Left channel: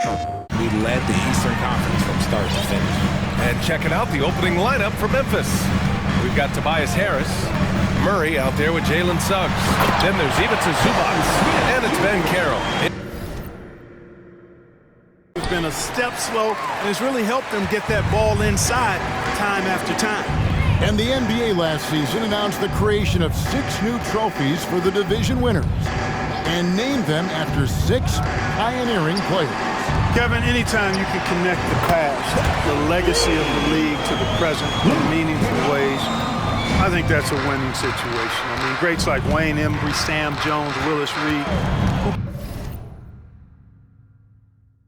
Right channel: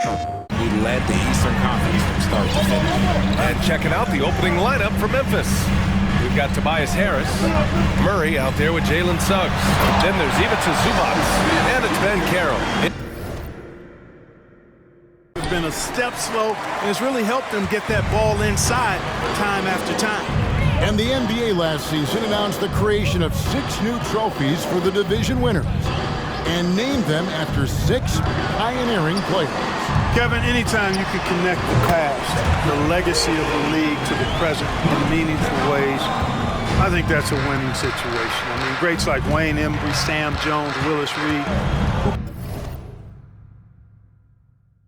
We led the Eastern Conference from start to finish. And checking out the opening lineup for Memphis. We've got Tobias Harris, Murray out there with Jalen Suggs. Then there's Ivica Zubac, and it's Ben Carroll. It's been a step slow, and it's really helped them get that ball inside time after time. And the NBA last season announced the creation of 6 new trophies for the division winners and named them after 6 pioneering players. Kevin, anytime you can connect the past, the legacy of the league to the present in meaningful ways, I think that's a winning situation. I mean, greats like Wayne Embry, Sam Jones, Willis Reed.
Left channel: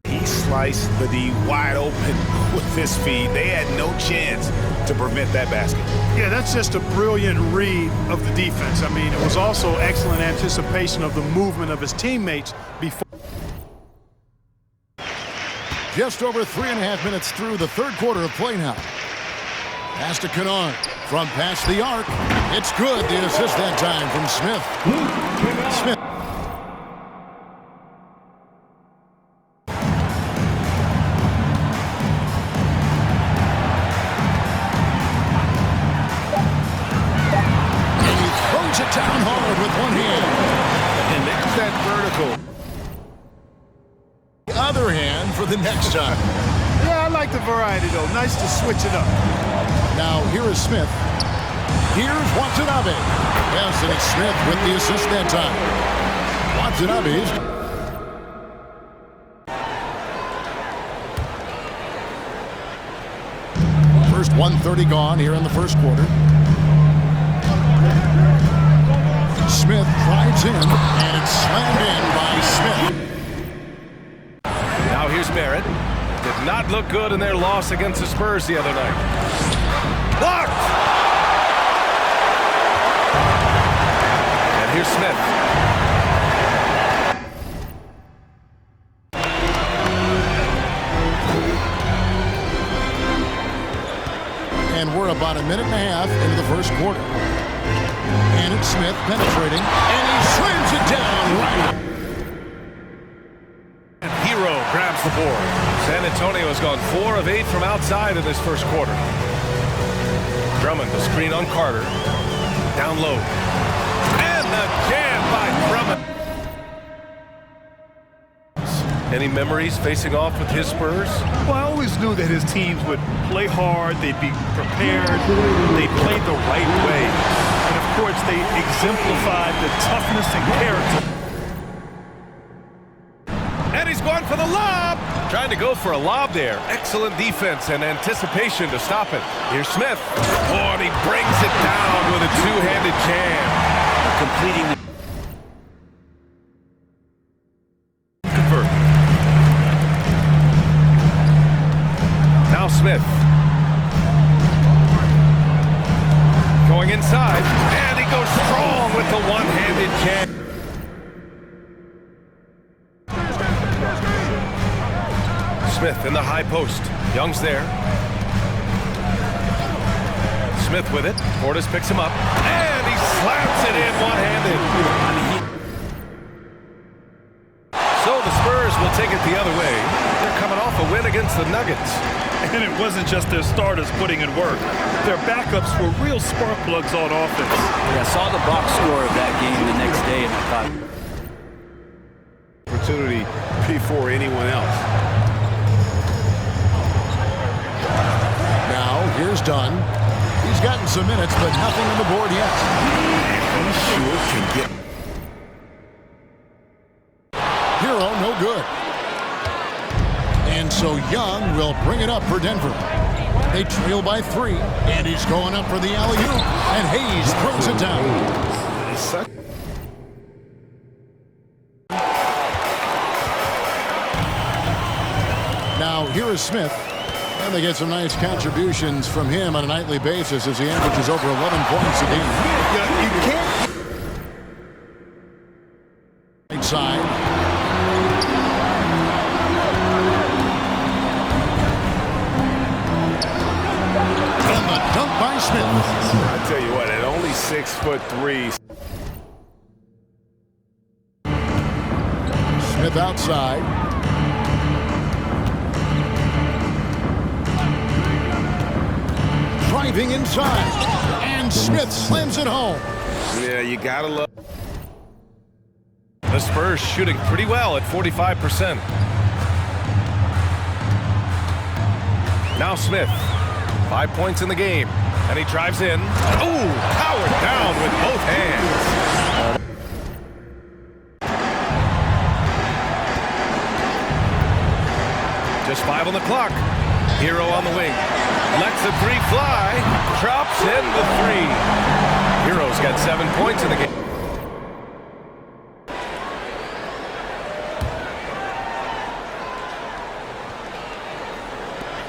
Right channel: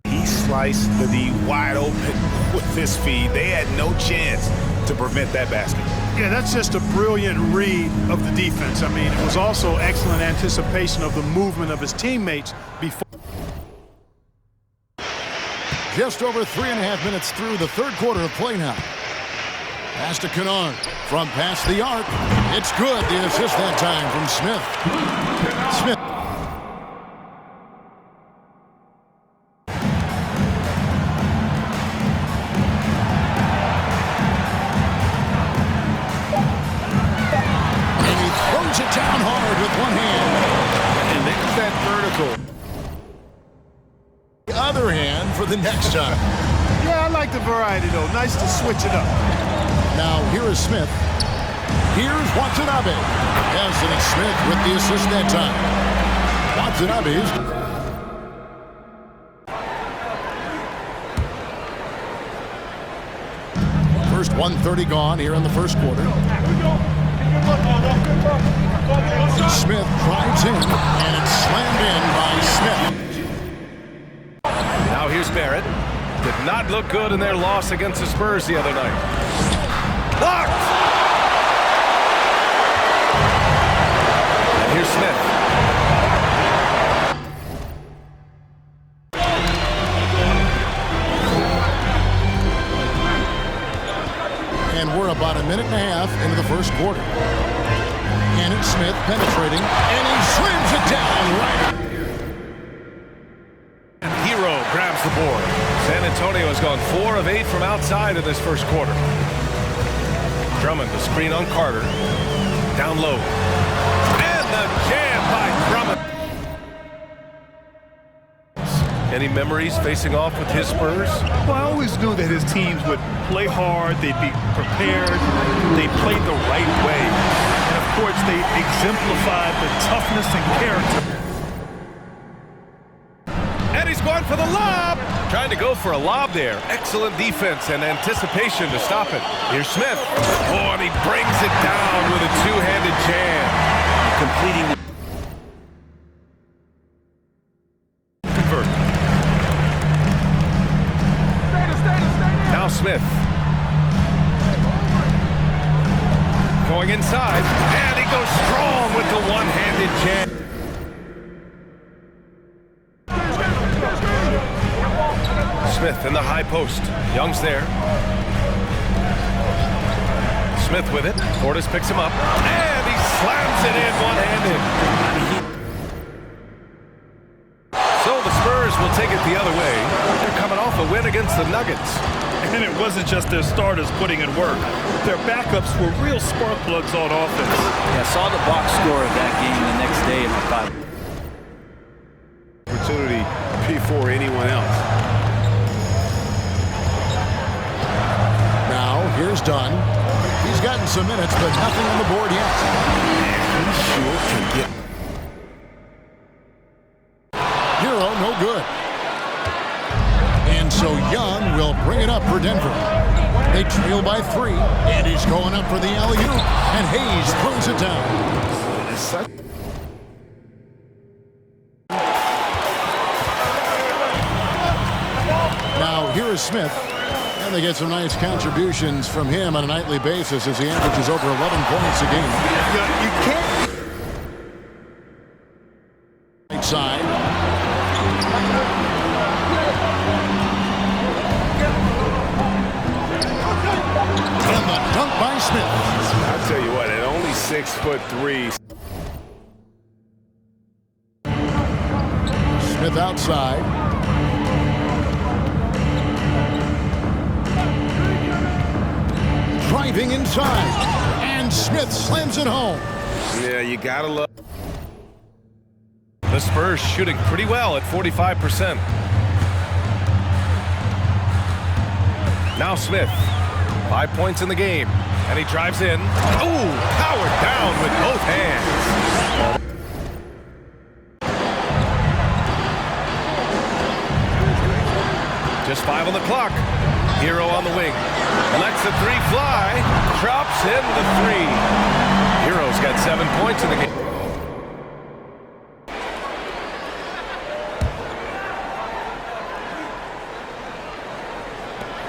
He sliced the D wide open with his feed. They had no chance to prevent that basket. Yeah, that's just a brilliant read of the defense. I mean, it was also excellent anticipation of the movement of his teammates before. Just over 3.5 minutes through the third quarter of play now. Pass to Kennard from past the arc. It's good. The assist that time from Smith. Smith. And he throws it down hard with one hand. And there's that vertical. The other hand for the next time. Yeah, I like the variety, though. Nice to switch it up. Now, here is Smith. Here's Watanabe. Yes, and it's Smith with the assist that time. Watanabe's. First 1:30 gone here in the first quarter. Smith drives in, and it's slammed in by Smith. Now here's Barrett. Did not look good in their loss against the Spurs the other night. Blocked! And here's Smith. And we're about 1.5 minutes into the first quarter. And it's Smith penetrating, and he slams it down right out. Hero grabs the board. San Antonio has gone 4 of 8 from outside in this first quarter. Drummond to screen on Carter. Down low. And the jam by Drummond. Any memories facing off with his Spurs? Well, I always knew that his teams would play hard, they'd be prepared, they played the right way. And of course, they exemplified the toughness and character. And he's going for the lob. Trying to go for a lob there. Excellent defense and anticipation to stop it. Here's Smith. Oh, and he brings it down with a two-handed jam. Completing the Convert. Now Smith. Going inside. And he goes strong with the one-handed jam. Smith in the high post. Young's there. Smith with it. Portis picks him up. And he slams it in one-handed. So the Spurs will take it the other way. They're coming off a win against the Nuggets. And it wasn't just their starters putting in work. Their backups were real spark plugs on offense. Yeah, I saw the box score of that game the next day, and I thought... opportunity before anyone else. Now, here's Dunn. He's gotten some minutes, but nothing on the board yet. And he sure can get... Hero, no good. And so Young will bring it up for Denver. They trail by 3, and he's going up for the alley-oop, and Hayes throws it down. Now, here is Smith. And they get some nice contributions from him on a nightly basis as he averages over 11 points a game. You can't. Right side. And the dunk by Smith. I tell you what, at only 6'3". Smith outside. driving inside. And Smith slams it home. Yeah, you gotta love. The Spurs shooting pretty well at 45%. Now Smith, 5 points in the game, and he drives in. Oh, powered down with both hands. Just 5 on the clock. Hero on the wing. Lets the three fly. Drops in the three. Hero's got 7 points in the game.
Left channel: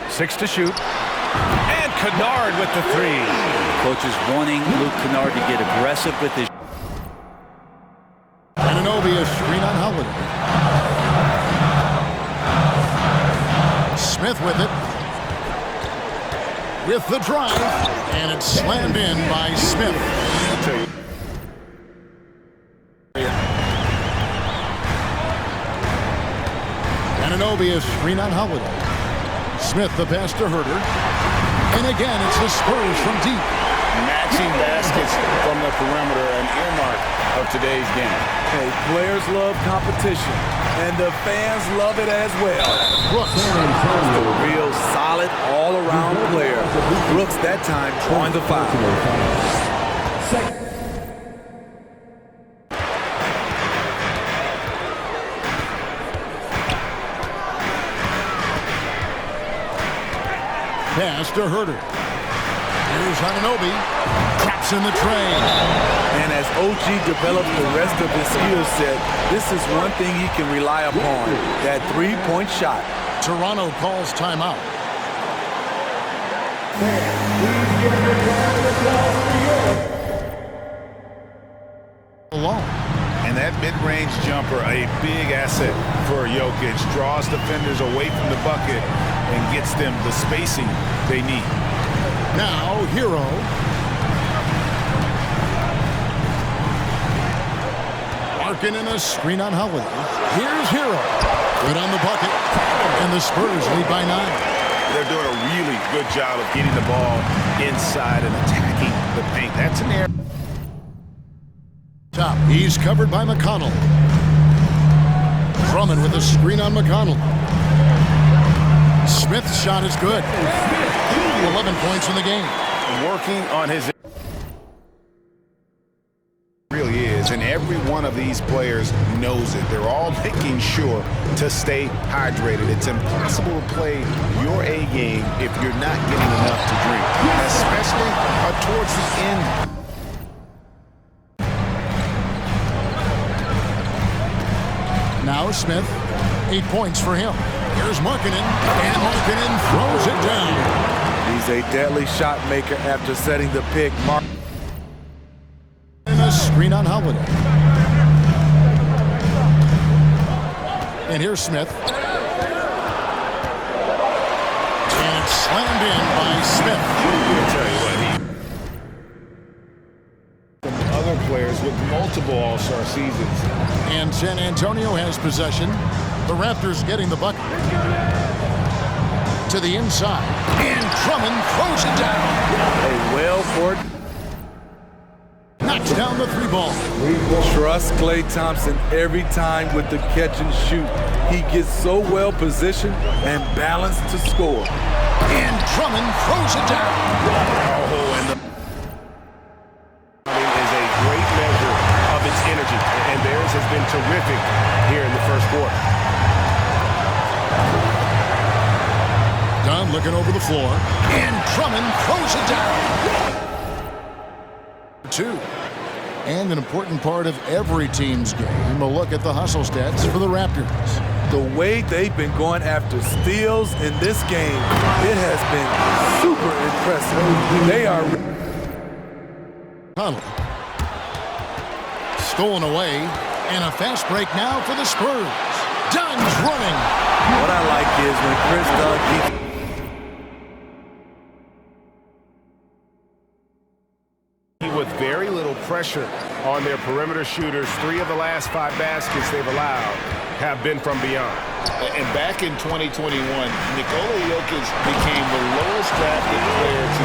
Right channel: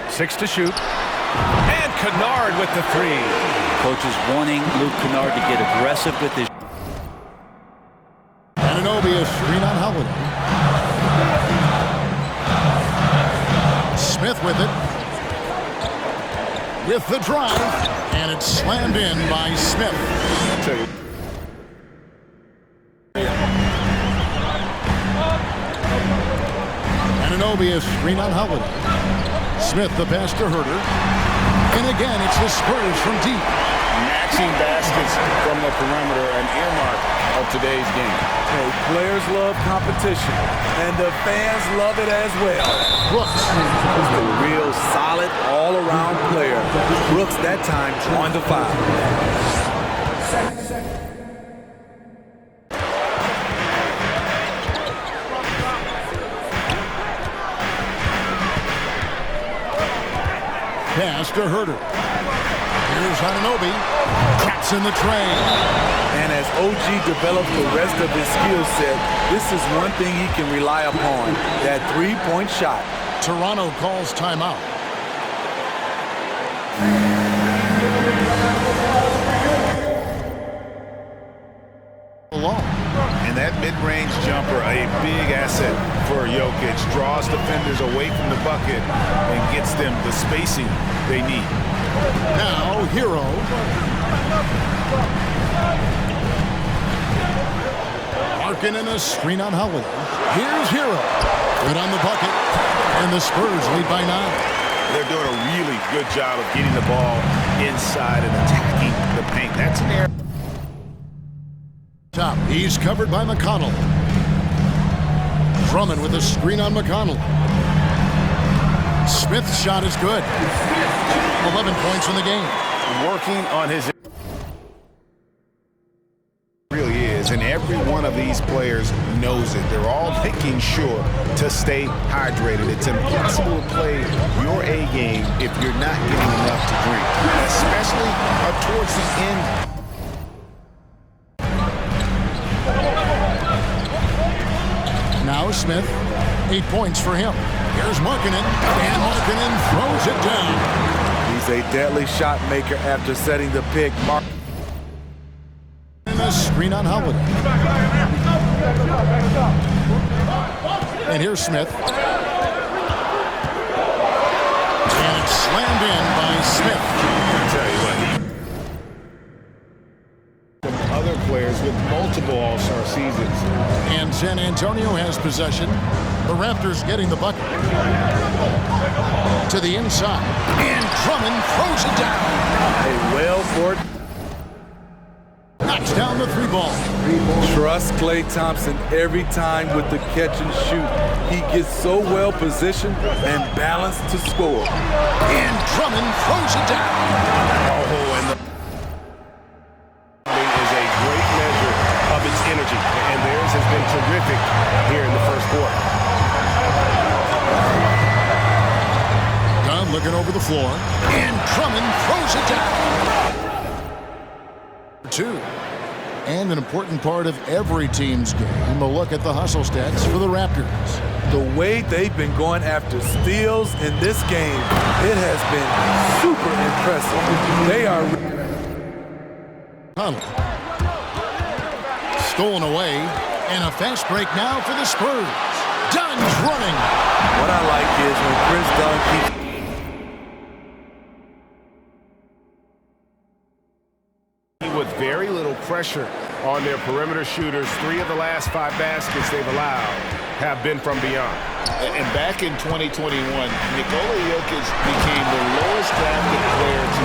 Six to shoot. And Kennard with the three. Coach is wanting Luke Kennard to get aggressive with his. Anunoby, a screen on Holiday. Smith with it. With the drive. And it's slammed in by Smith. I'll tell you. Anunoby, a screen on Holiday. Smith, the pass to Herter. And again, it's the Spurs from deep. Matching baskets from the perimeter, an earmark of today's game. Hey, players love competition, and the fans love it as well. Brooks. Just a real solid all-around player. Brooks that time drawing the foul. Pass to Herter. Here's Anunoby. Traps in the train. And as OG develops the rest of his skill set, this is one thing he can rely upon, that three-point shot. Toronto calls timeout. Alone. And that mid-range jumper, a big asset for Jokic. Draws defenders away from the bucket and gets them the spacing they need. Now, Hero. Larkin in a screen on Holiday. Here's Hero. Good on the bucket. And the Spurs lead by 9. They're doing a really good job of getting the ball inside and attacking the paint. That's an error. Top. He's covered by McConnell. Drummond with a screen on McConnell. Smith's shot is good. 11 points in the game. Working on his really is, and every one of these players knows it. They're all making sure to stay hydrated. It's impossible to play your A game if you're not getting enough to drink, especially towards the end. Now Smith, 8 points for him. Here's Markkanen, and Markkanen throws it down. He's a deadly shot maker after setting the pick. And a screen on Holiday. And here's Smith. And it's slammed in by Smith. I'll tell you what, some other players with multiple All-Star seasons. And San Antonio has possession. The Raptors getting the bucket. To the inside. And Drummond throws it down. A well-court. Knocks down the three ball. Trust Klay Thompson every time with the catch and shoot. He gets so well positioned and balanced to score. And Drummond throws it down. Oh, and the is a great measure of its energy, and theirs has been terrific here in the first quarter. Dunn looking over the floor. And Drummond throws it down. 2. And an important part of every team's game, a look at the hustle stats for the Raptors. The way they've been going after steals in this game, it has been super impressive. They are Connell. Stolen away, and a fast break now for the Spurs. Dunn's running. What I like is when Chris Dunn keeps with very little pressure on their perimeter shooters. 3 of the last 5 baskets they've allowed have been from beyond. And back in 2021, Nikola Jokic became the lowest drafted player to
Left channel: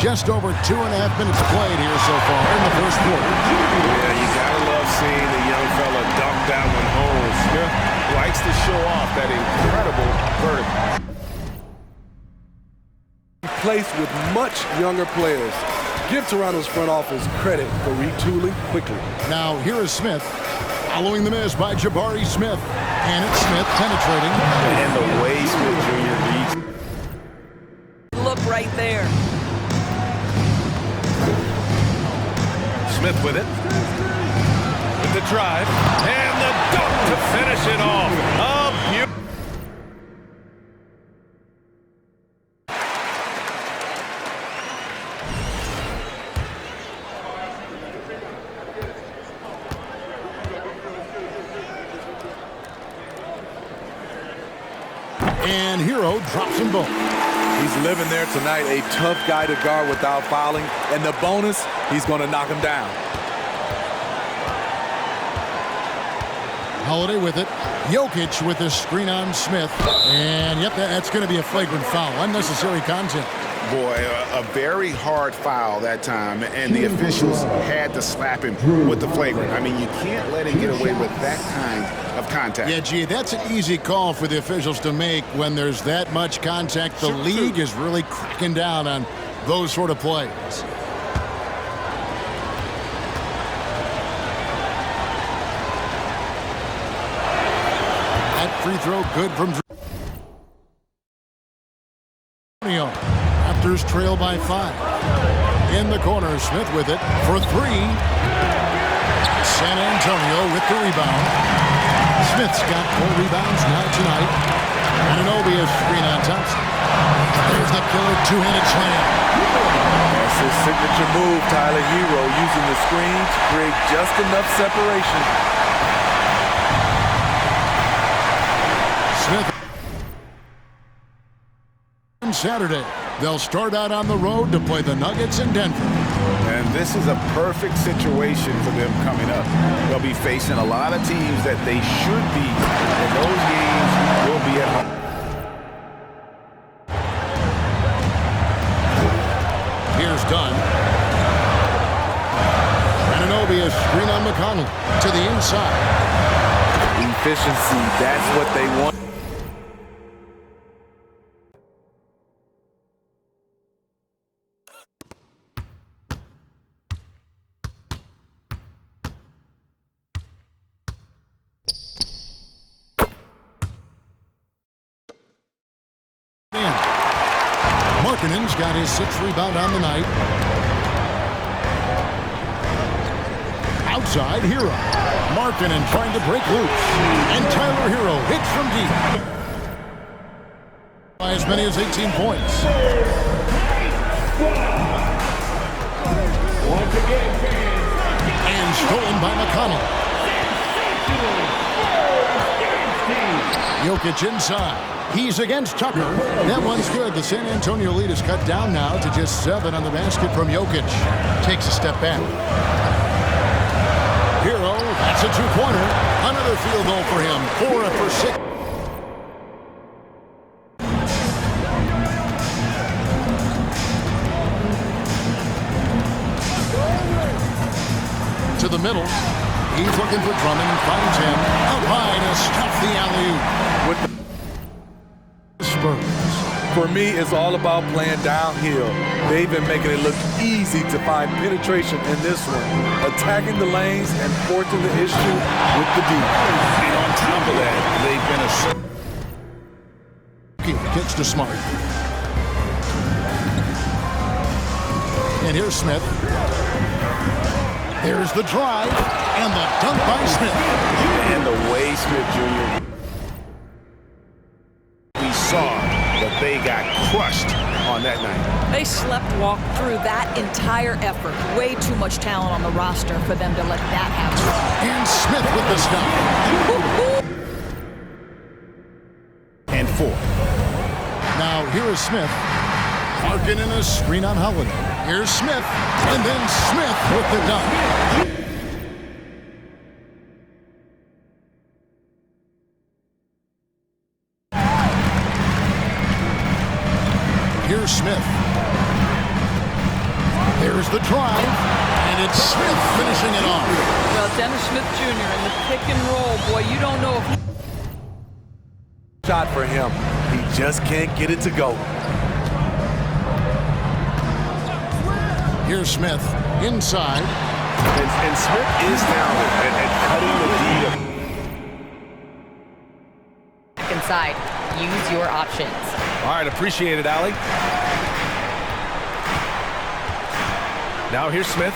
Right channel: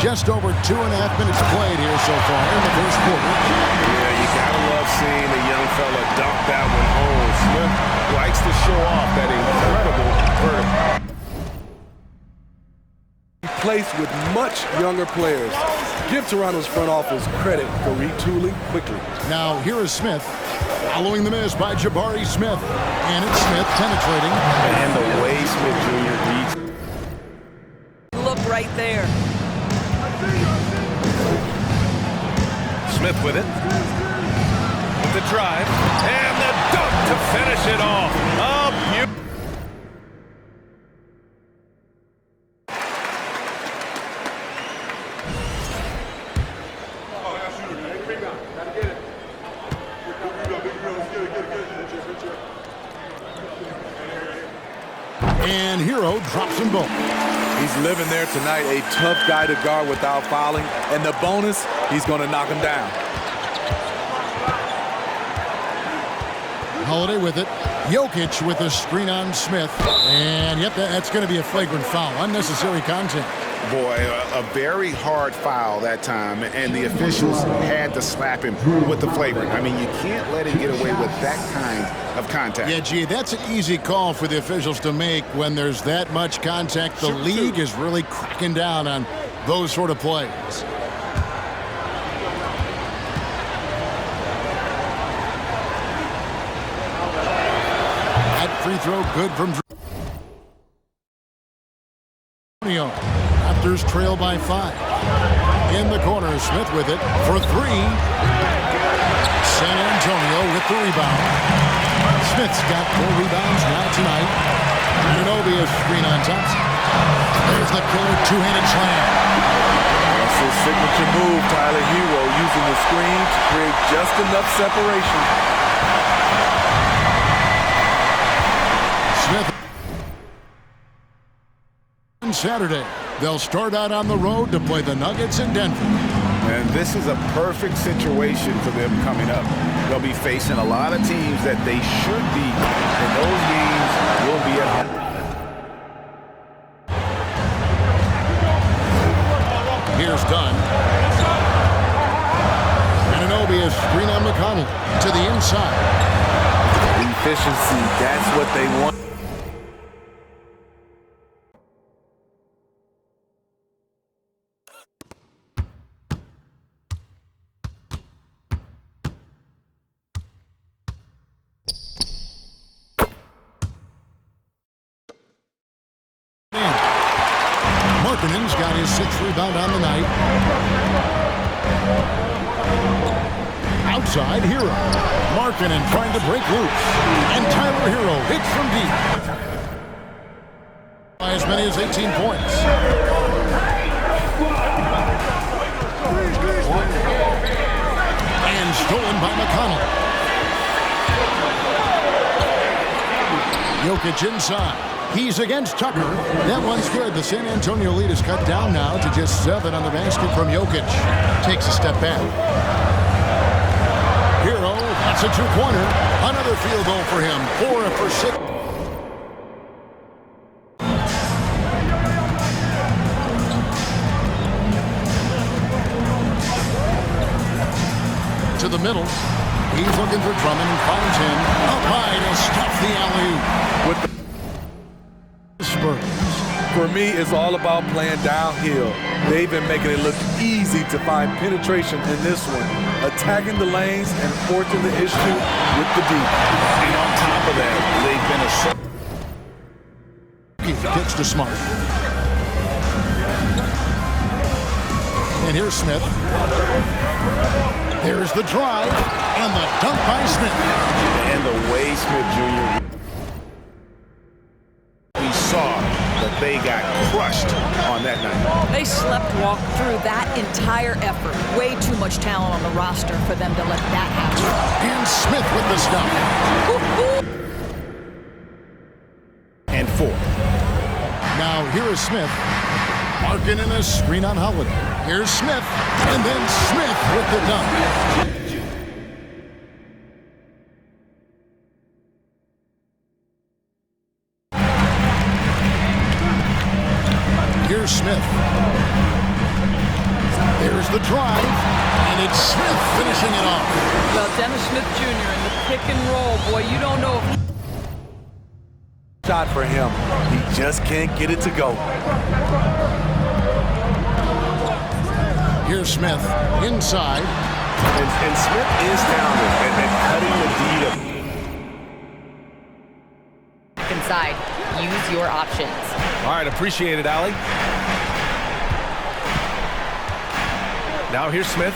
Just over 2.5 minutes played here so far in the first quarter. Yeah, you gotta love seeing the young fella dunk that one home. Smith likes to show off that incredible vertical. He plays with much younger players. Give Toronto's front office credit for retooling quickly. Now here is Smith, following the miss by Jabari Smith. And it's Smith penetrating. And the way Smith Jr. reads. Look right there. Smith with it. With the drive. And the dunk to finish it off. A beautiful. And Hero drops them both. He's living there tonight, a tough guy to guard without fouling. And the bonus, he's going to knock him down. Holiday with it. Jokic with the screen on Smith. And yep, that's going to be a flagrant foul. Unnecessary contact. Boy, a very hard foul that time, and the officials had to slap him with the flagrant. I mean, you can't let him get away with that kind of contact. Yeah, gee, that's an easy call for the officials to make when there's that much contact. The league is really cracking down on those sort of plays. That free throw good from Antonio. Raptors trail by 5. In the corner, Smith with it for 3. San Antonio with the rebound. Smith's got 4 rebounds now tonight. Anunoby is screen on Thompson. There's the killer two-handed slam. That's his signature move, Tyler Hero, using the screen to create just enough separation. Smith on Saturday. They'll start out on the road to play the Nuggets in Denver. And this is a perfect situation for them coming up. They'll be facing a lot of teams that they should beat, and those games will be at home. Here's Dunn. Anunoby is screen on McConnell to the inside. Efficiency, that's what they want. Markkanen's got his 6th rebound on the night. Outside, Hero. Markkanen trying to break loose. And Tyler Hero hits from deep. By as many as 18 points. And stolen by McConnell. Jokic inside. He's against Tucker. That one's good. The San Antonio lead is cut down now to just 7 on the basket from Jokic. Takes a step back. Hero, that's a 2-pointer. Another field goal for him. 4 for 6. To the middle. He's looking for Drummond and finds him. Up high to stuff the alley-oop. With the Spurs. For me, it's all about playing downhill. They've been making it look easy to find penetration in this one, attacking the lanes and forcing the issue with the deep. And on top of that, they've been a Kicks to Smart. And here's Smith. There's the drive and the dunk by Smith. And the way Smith Jr. We saw that they got crushed on that night. They walked through that entire effort. Way too much talent on the roster for them to let that happen. And Smith with the stuff. And 4. Now here is Smith. Markkanen a screen on Holiday. Here's Smith. And then Smith with the dunk. Here's Smith. There's the drive, and it's Smith finishing it off. Well, Dennis Smith Jr. in the pick and roll, boy, you don't know if he... Shot for him. He just can't get it to go. Here's Smith inside. And Smith is talented at cutting the D to... Inside. Use your options. All right, appreciate it, Allie. Now here's Smith.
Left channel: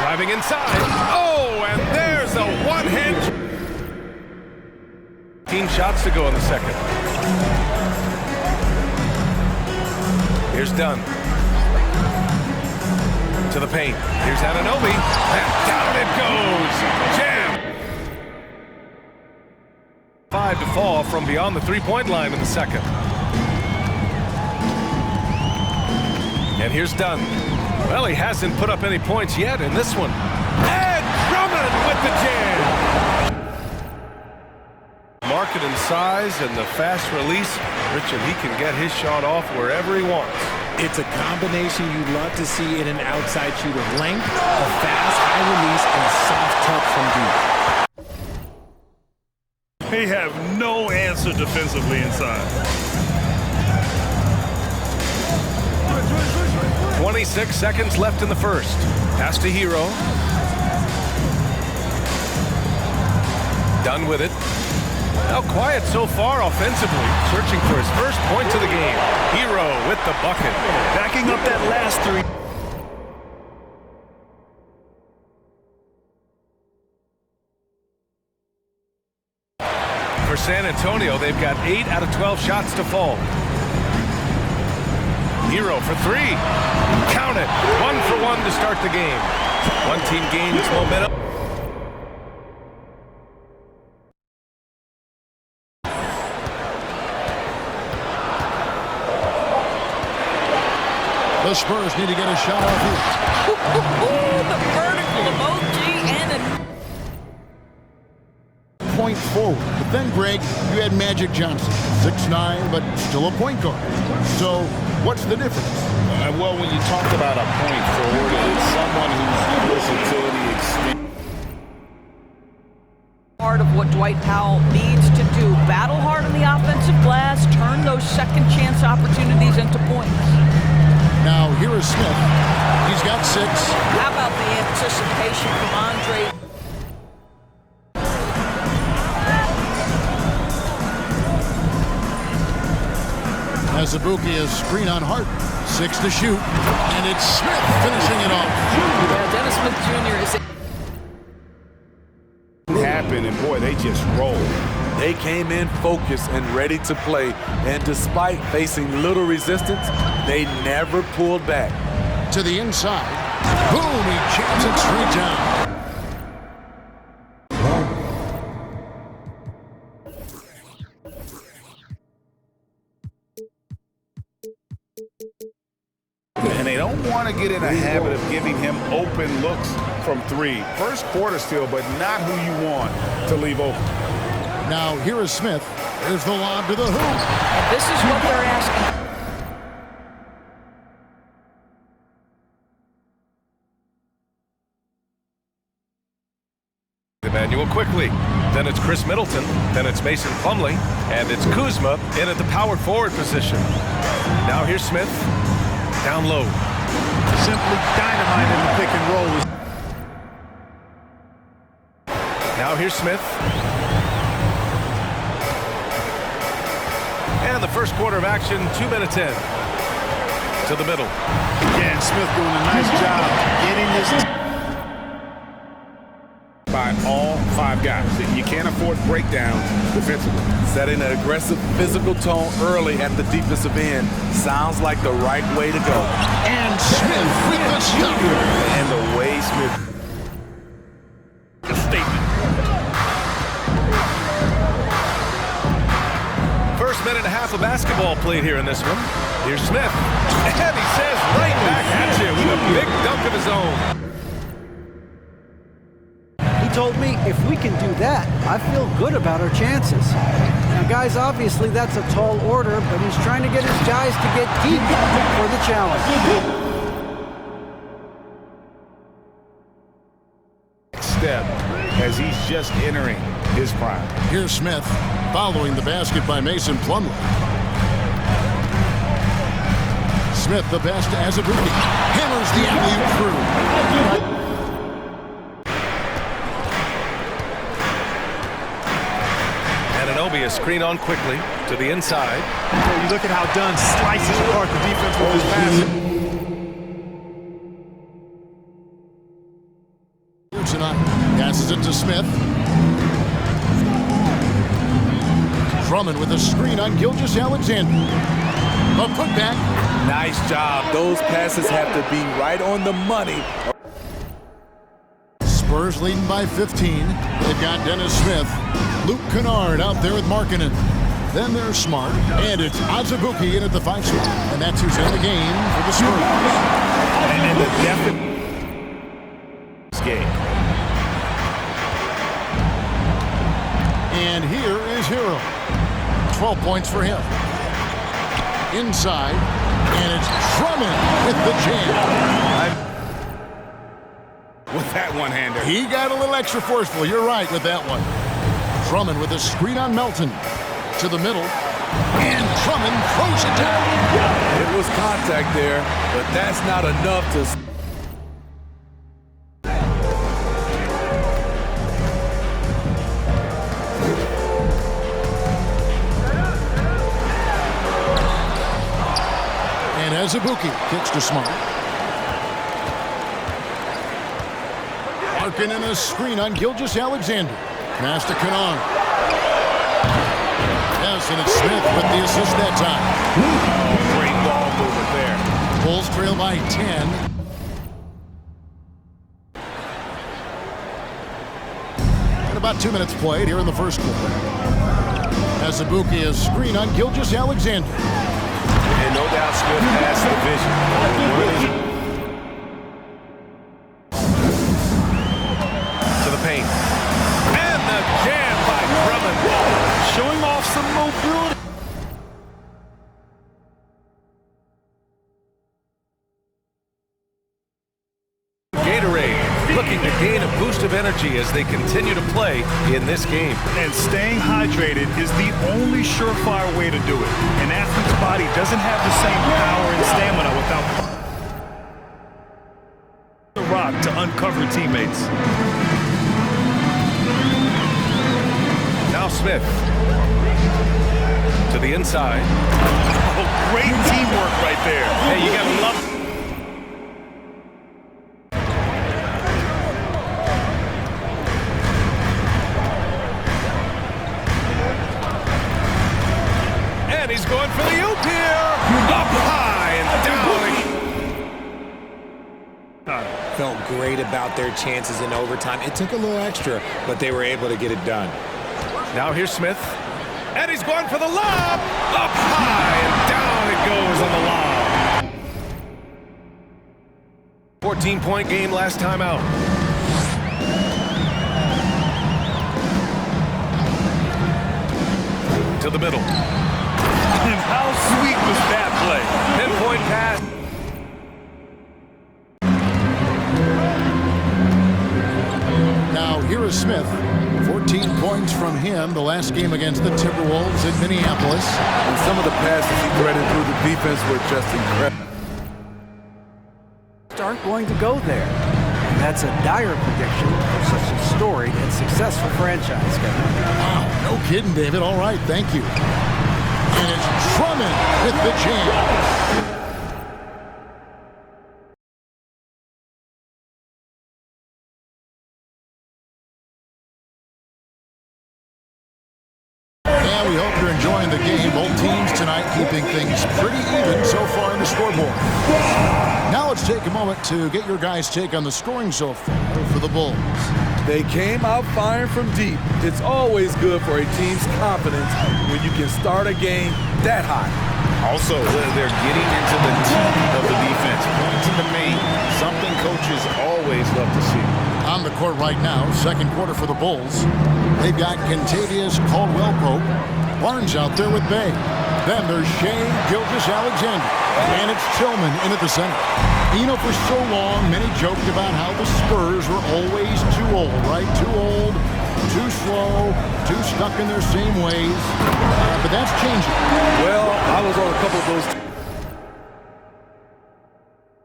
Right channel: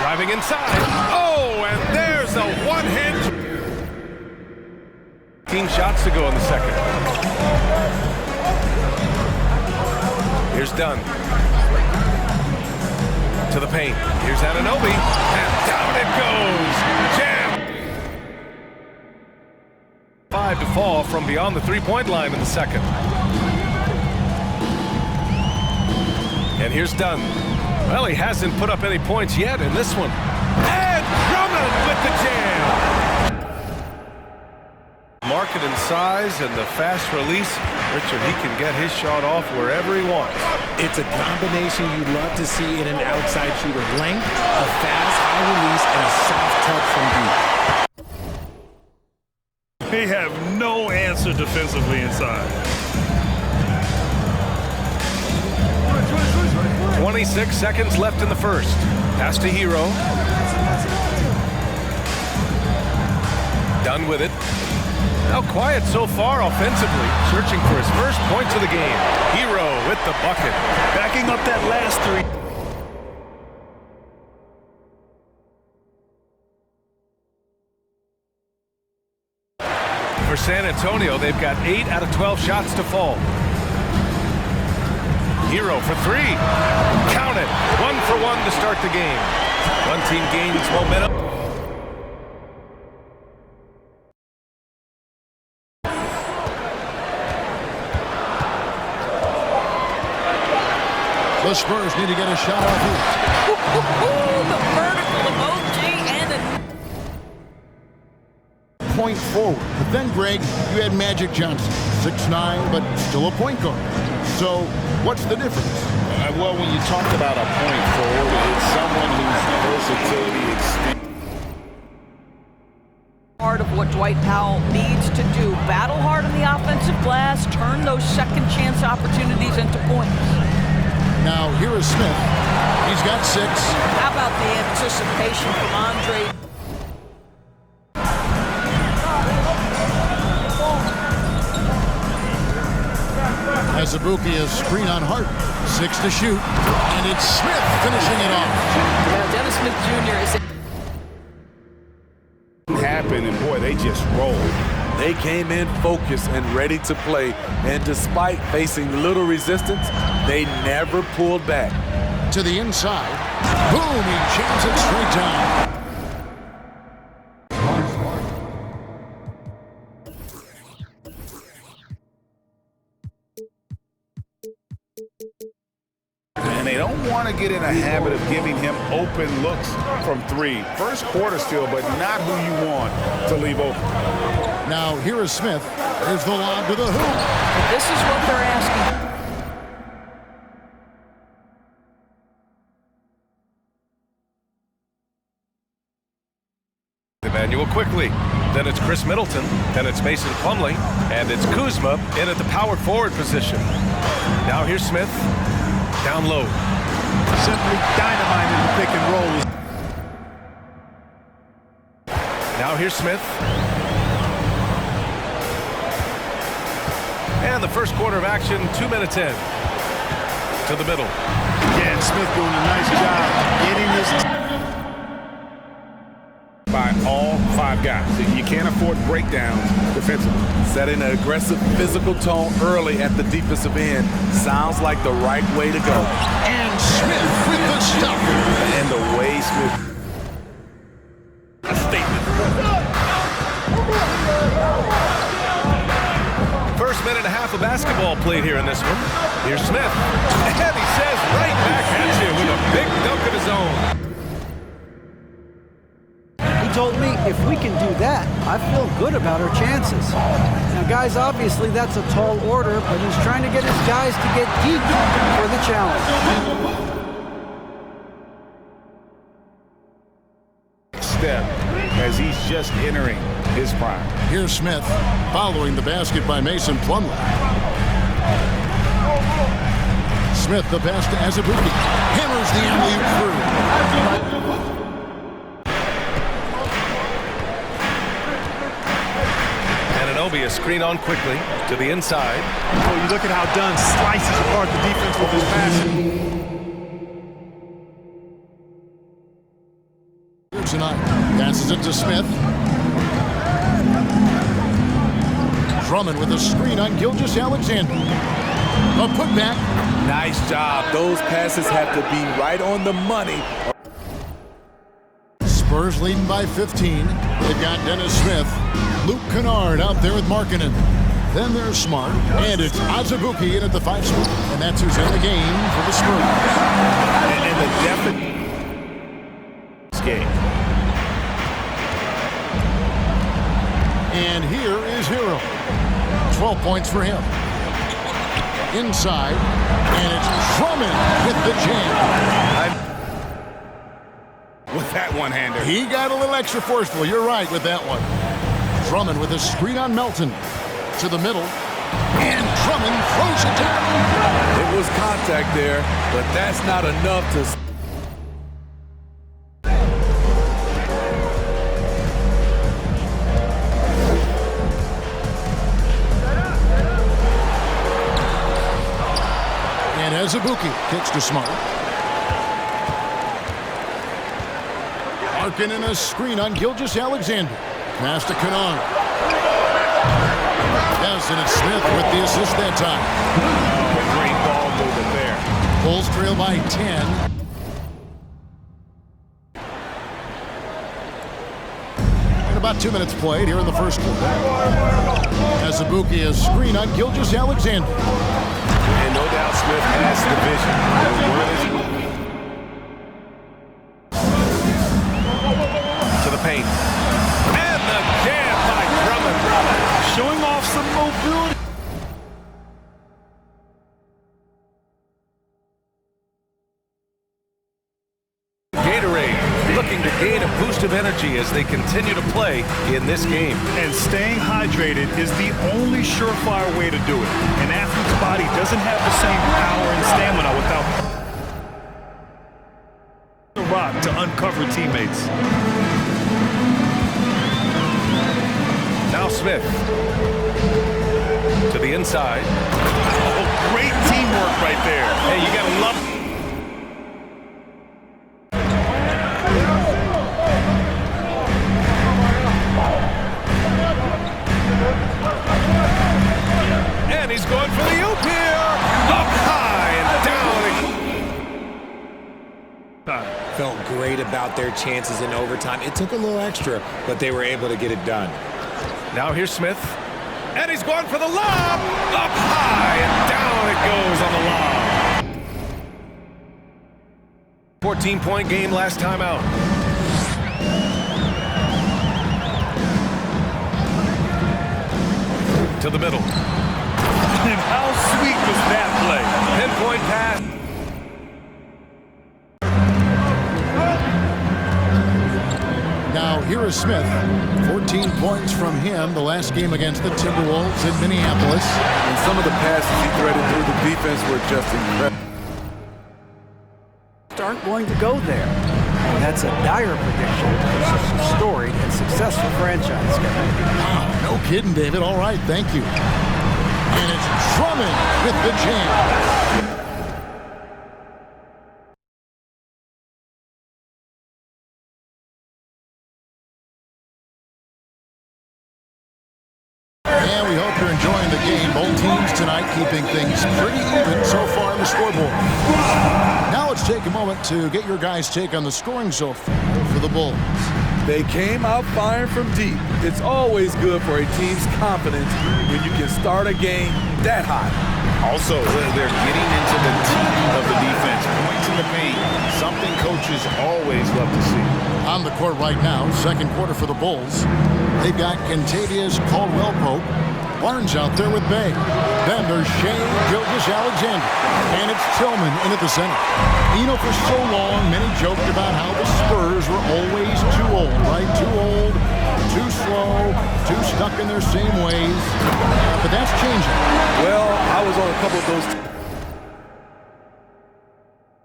Driving inside. Oh, and there's a one-hand. 15 shots to go in the second. Here's Dunn. To the paint. Here's Anunoby. And down it goes. Jam. 5 to fall from beyond the three-point line in the second. And here's Dunn. Well, he hasn't put up any points yet in this one. And Drummond with the jam. Market and size and the fast release. Richard, he can get his shot off wherever he wants. It's a combination you love to see in an outside shooter. Length, a fast, high release, and a soft touch from deep. They have no answer defensively inside. 26 seconds left in the first. Pass to Hero. Done with it. Now quiet so far offensively, searching for his first points of the game. Hero with the bucket. Backing up that last three. For San Antonio, they've got 8 out of 12 shots to fall. Hero for 3. Count it. 1 for 1 to start the game. One team gains momentum. The Spurs need to get a shot off here. The vertical emoji and a... Point forward. But then, Greg, you had Magic Johnson. 6'9", but still a point guard. So, what's the difference? Well, when you talk about a point forward, it's someone whose versatility extends. Part of what Dwight Powell needs to do. Battle hard on the offensive glass, turn those second chance opportunities into points. Now, here is Smith. He's got 6. How about the anticipation from Andre? Azubuike is screen on Hart. 6 to shoot. And it's Smith finishing it off. Yeah, Dennis Smith Jr. is... Happen, and boy, they just rolled. They came in focused and ready to play, and despite facing little resistance, they never pulled back. To the inside. Boom, he jams it straight down. And they don't want to get in a habit of giving him open looks from 3. First quarter still, but not who you want to leave open. Now, here is Smith. There's the lob to the hoop. And this is what they're asking. Emmanuel quickly. Then it's Chris Middleton. Then it's Mason Plumlee. And it's Kuzma in at the power forward position. Now here's Smith. Down low. Simply dynamite in the pick and roll. Now here's Smith. And the first quarter of action, 2 minutes in. To the middle. Yeah, and Smith doing a nice job getting his... By all 5 guys. You can't afford breakdowns defensively. Setting an aggressive physical tone early at the defensive end sounds like the right way to go. And Smith with the stop. And the way Smith... A statement. First minute and a half of basketball played here in this one. Here's Smith. And he says right back at you with a big dunk of his own. He told me if we can do that, I feel good about our chances. Now, guys, obviously that's a tall order, but he's trying to get his guys to get deep for the challenge. step as he's just entering his prime. Here's Smith following the basket by Mason Plumlee. Smith, the pass to Azubuike. Hammers the alley-oop through. Anunoby a screen on quickly to the inside. Oh, you look at how Dunn slices apart the defense with his passing. Here tonight, passes it to Smith. Drummond with a screen on Gilgeous-Alexander. A putback. Nice job. Those passes have to be right on the money. Spurs leading by 15. They've got Dennis Smith. Luke Kennard out there with Markkanen. Then there's Smart. And it's Azubuike in at the 5 spot. And that's who's in the game for the Spurs. And the definite game. And here is Hero. 12 points for him. Inside. And it's Drummond with the jam. With that one-hander. He got a little extra forceful. You're right with that one. Drummond with a screen on Melton. To the middle. And Drummond throws it down. It was contact there, but that's not enough to... And Azubuike kicks to Smart. Markkanen a screen on Gilgeous-Alexander. Pass to Kennard. Yes, and it's Smith with the assist that time. Oh, great ball movement there. Bulls trail by 10. And about 2 minutes played here in the first quarter. Azubuike a screen on Gilgeous-Alexander. And no doubt Smith has the vision. To the paint. And the jam by Drummond. showing off some mobility. Gatorade looking to gain a boost of energy as they continue to play in this game. And staying hydrated is the only surefire way to do it. An athlete's body doesn't have the same power and stamina without the rock to uncover teammates. Now Smith to the inside. Oh, great teamwork right there. Hey, you gotta love it. And he's going for the oop here. Up high and down. Felt great about their chances in overtime. It took a little extra, but they were able to get it done. Now here's Smith. And he's going for the lob. Up high and down it goes on the lob. 14-point game last time out. To the middle. And how sweet was that play? Pinpoint pass. Now here is Smith. 14 points from him the last game against the Timberwolves in Minneapolis. And some of the passes he threaded through the defense were just incredible. Aren't going to go there. And that's a dire prediction for such a storied and successful franchise, Kevin. Wow, no kidding, David. All right, thank you. And it's Drummond with the jam. And we hope you're enjoying the game. Both teams tonight keeping things pretty even so far on the scoreboard. Now let's take a moment to get your guys' take on the scoring so far for the Bulls. They came out firing from deep. It's always good for a team's confidence when you can start a game that hot. Also, they're getting into the teeth of the defense. Points in the paint, something coaches always love to see. On the court right now, second quarter for the Bulls. They've got Kentavious Caldwell-Pope. Barnes out there with Bay. Then there's Shea Gilgeous-Alexander. And it's Tillman in at the center. You know, for so long, many joked about how the Spurs were always too old, right? Too old, too slow, too stuck in their same ways. But that's changing. Well, I was on a couple of those.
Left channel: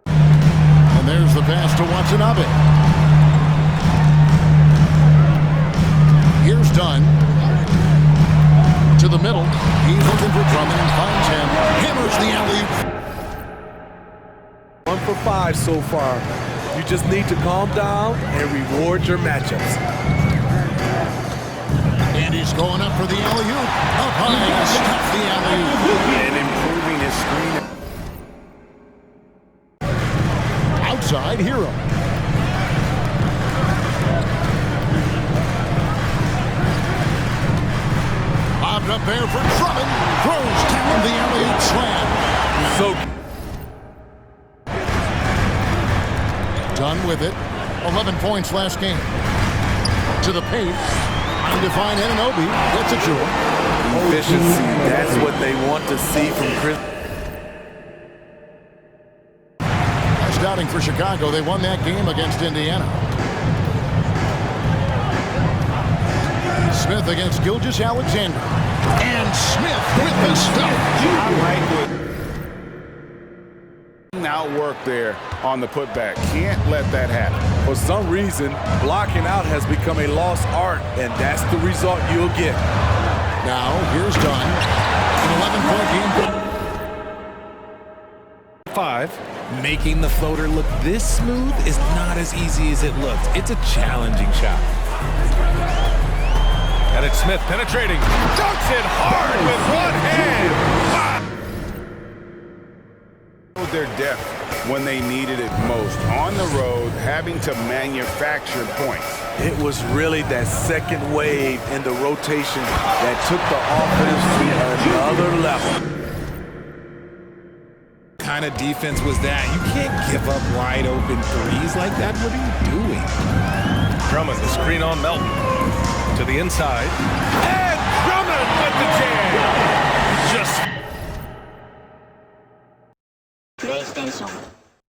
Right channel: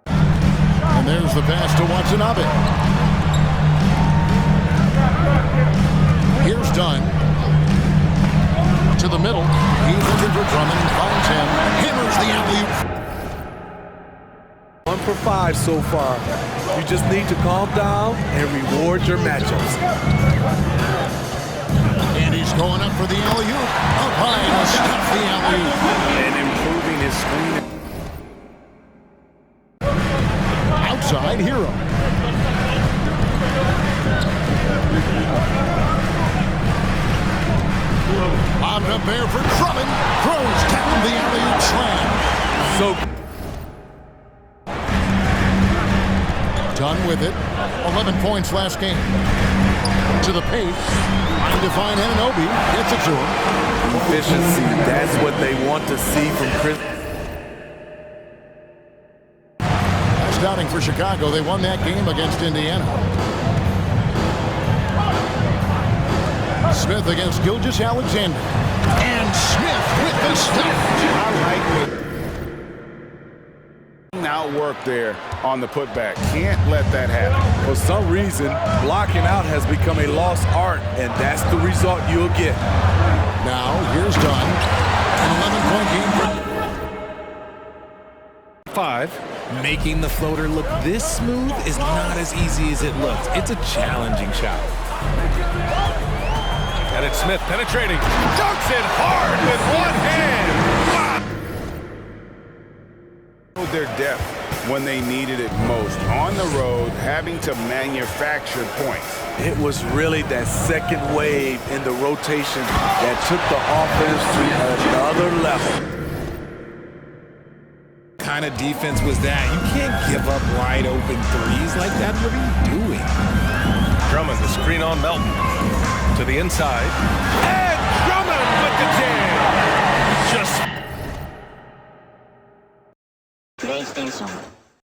And there's the pass to Watanabe. Here's Dunn. To the middle. He's looking for Drummond and finds him. Hammers the alley-oop. 1 for 5 so far. You just need to calm down and reward your matchups. And he's going up for the alley-oop. Up high to stuff the alley-oop. And improving his screen. Outside, Hero. Bobbed up there for Drummond. Throws down the alley-oop slam. So Done with it. 11 points last game. To the paint. Trying to find Anunoby. Gets it to him. efficiency, that's what they want to see from Chris. That's doubting for Chicago. They won that game against Indiana. Smith against Gilgeous-Alexander. And Smith with the stuff. I like what outwork there on the putback. Can't let that happen. For some reason, blocking out has become a lost art, and that's the result you'll get. Now, here's Dunn. An 11-point game for 5. Making the floater look this smooth is not as easy as it looks. It's a challenging shot. And it's Smith penetrating. Dunks it hard with one hand. Wow. Their depth when they needed it most. On the road, having to manufacture points. It was really that second wave in the rotation that took the offense to another level. What kind of defense was that? You can't give up wide open threes like that. What are you doing? Drummond, the screen on Melton. To the inside. And Drummond with the jam. Just